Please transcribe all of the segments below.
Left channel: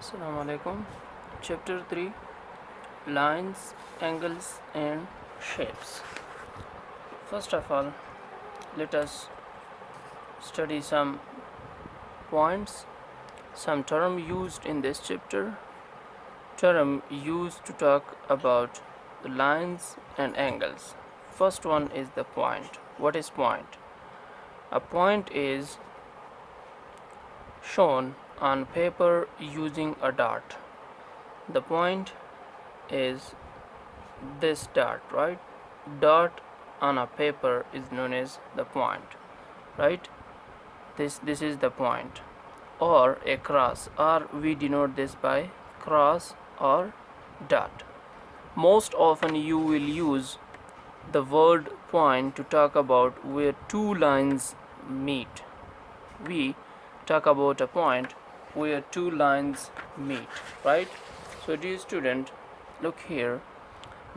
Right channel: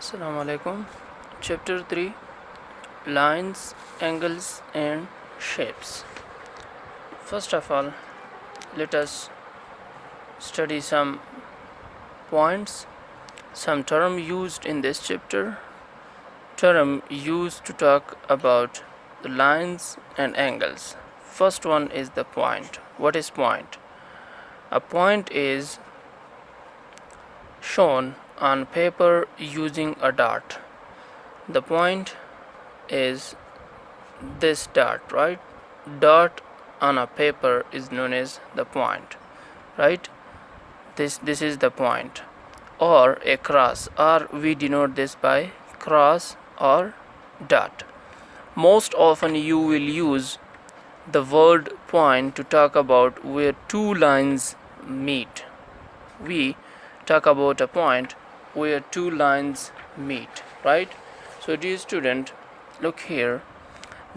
Assalamu alaikum. Chapter 3, Lines, Angles and Shapes. First of all, let us study some points, some term used in this chapter. Term used to talk about the lines and angles. First one is the point. What is point? A point is shown on paper using a dot. The point is this dot, right? Dot on a paper is known as the point, right? This is the point. Or a cross, or we denote this by cross or dot. Most often you will use the word point to talk about where two lines meet. We talk about a point where two lines meet, right? So dear student, look here,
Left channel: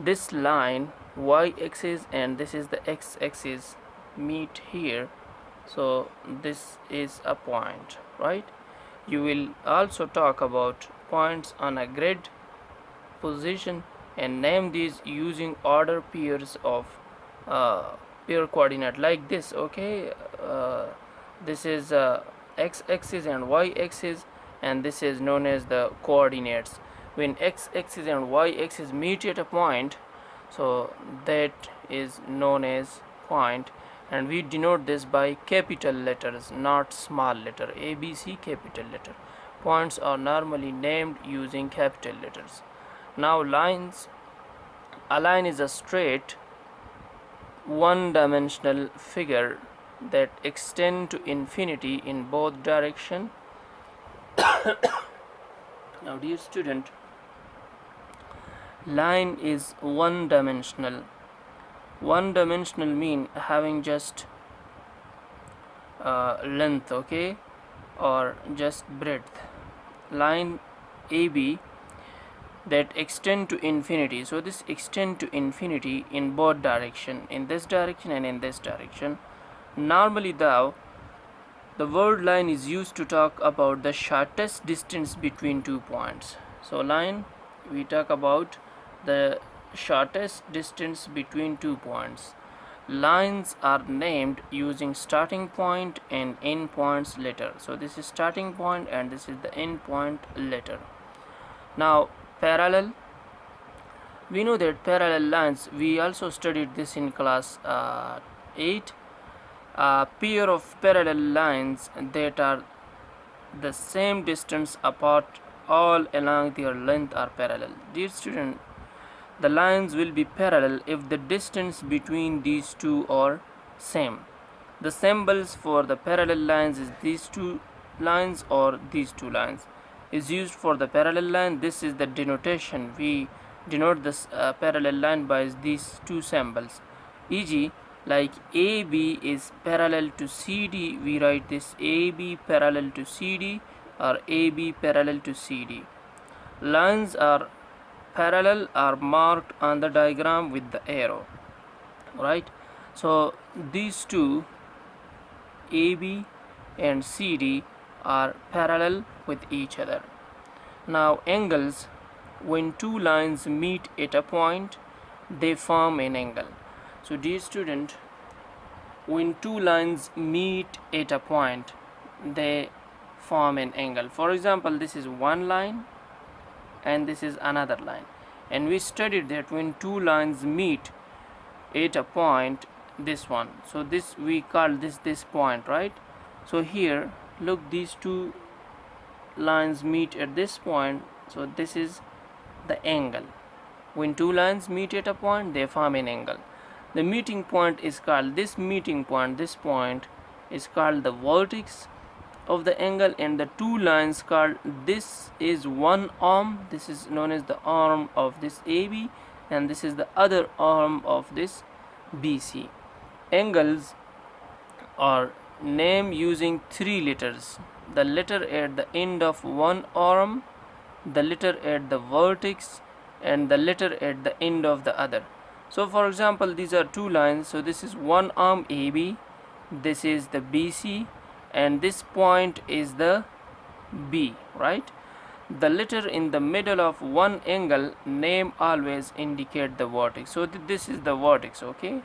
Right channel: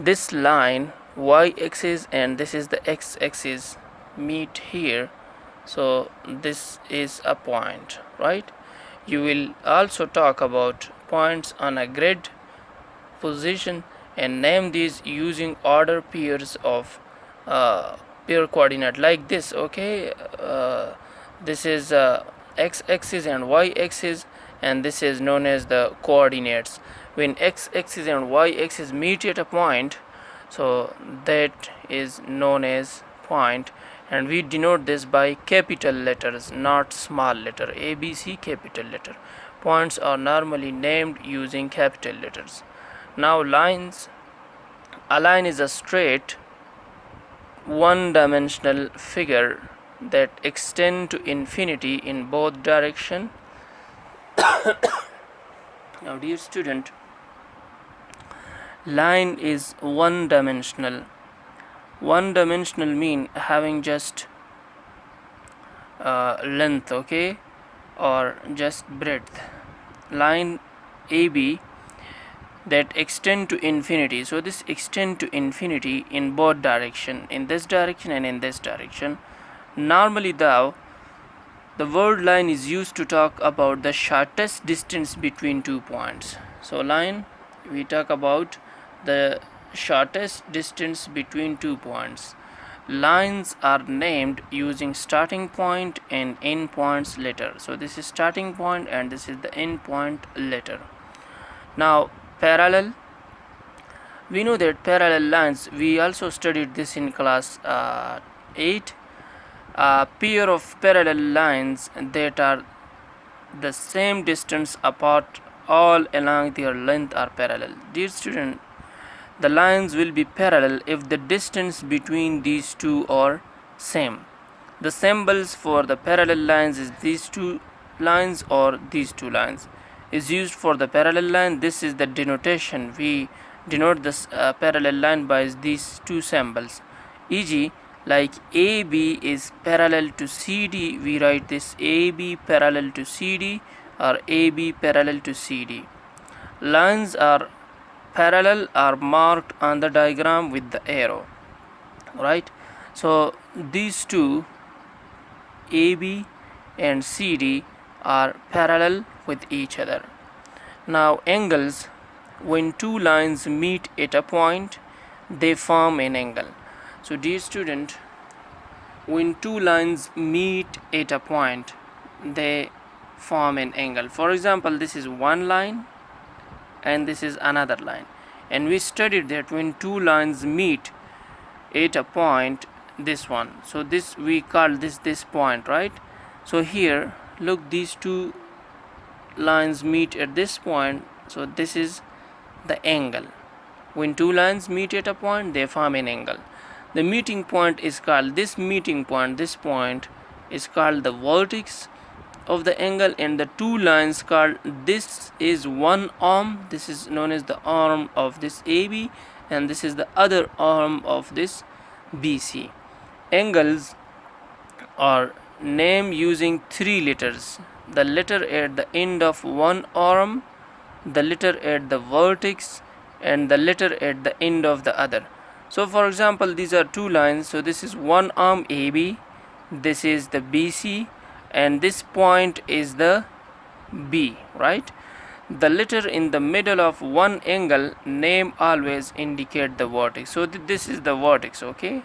this line y-axis and this is the x-axis meet here, so this is a point, right? You will also talk about points on a grid position and name these using order pairs of pair coordinate like this. Okay, this is x-axis and y-axis, and this is known as the coordinates. When x-axis and y-axis meet at a point, so that is known as point, and we denote this by capital letters, not small letter. ABC capital letter. Points are normally named using capital letters. Now lines. A line is a straight one-dimensional figure that extend to infinity in both direction. Now dear student, line is one-dimensional. One-dimensional mean having just length, okay, or just breadth. Line AB that extend to infinity, so this extend to infinity in both direction, in this direction and in this direction. Normally the word line is used to talk about the shortest distance between 2 points. So line, we talk about the shortest distance between 2 points. Lines are named using starting point and end points letter. So this is starting point and this is the end point letter. Now parallel, we know that parallel lines, we also studied this in class 8. A pair of parallel lines that are the same distance apart all along their length are parallel. Dear student, the lines will be parallel if the distance between these two are same. The symbols for the parallel lines is these two lines or these two lines is used for the parallel line. This is the denotation. We denote this parallel line by these two symbols, e.g. like AB is parallel to CD, we write this AB parallel to CD or AB parallel to CD. Lines are parallel are marked on the diagram with the arrow, right? So these two, AB and CD, are parallel with each other. Now angles, when two lines meet at a point, they form an angle. So dear student, when two lines meet at a point, they form an angle. For example, this is one line and this is another line, and we studied that when two lines meet at a point, this one, so this we call this point, right? So here look, these two lines meet at this point, so this is the angle. When two lines meet at a point, they form an angle. The meeting point is called, this meeting point, this point is called the vertex of the angle, and the two lines called, this is one arm, this is known as the arm of this AB, and this is the other arm of this BC. Angles are named using 3 letters: the letter at the end of one arm, the letter at the vertex, and the letter at the end of the other. So for example, these are two lines, so this is one arm AB, this is the BC, and this point is the B, right? the letter in the middle of one angle name always indicate the vertex. So this is the vertex. Okay,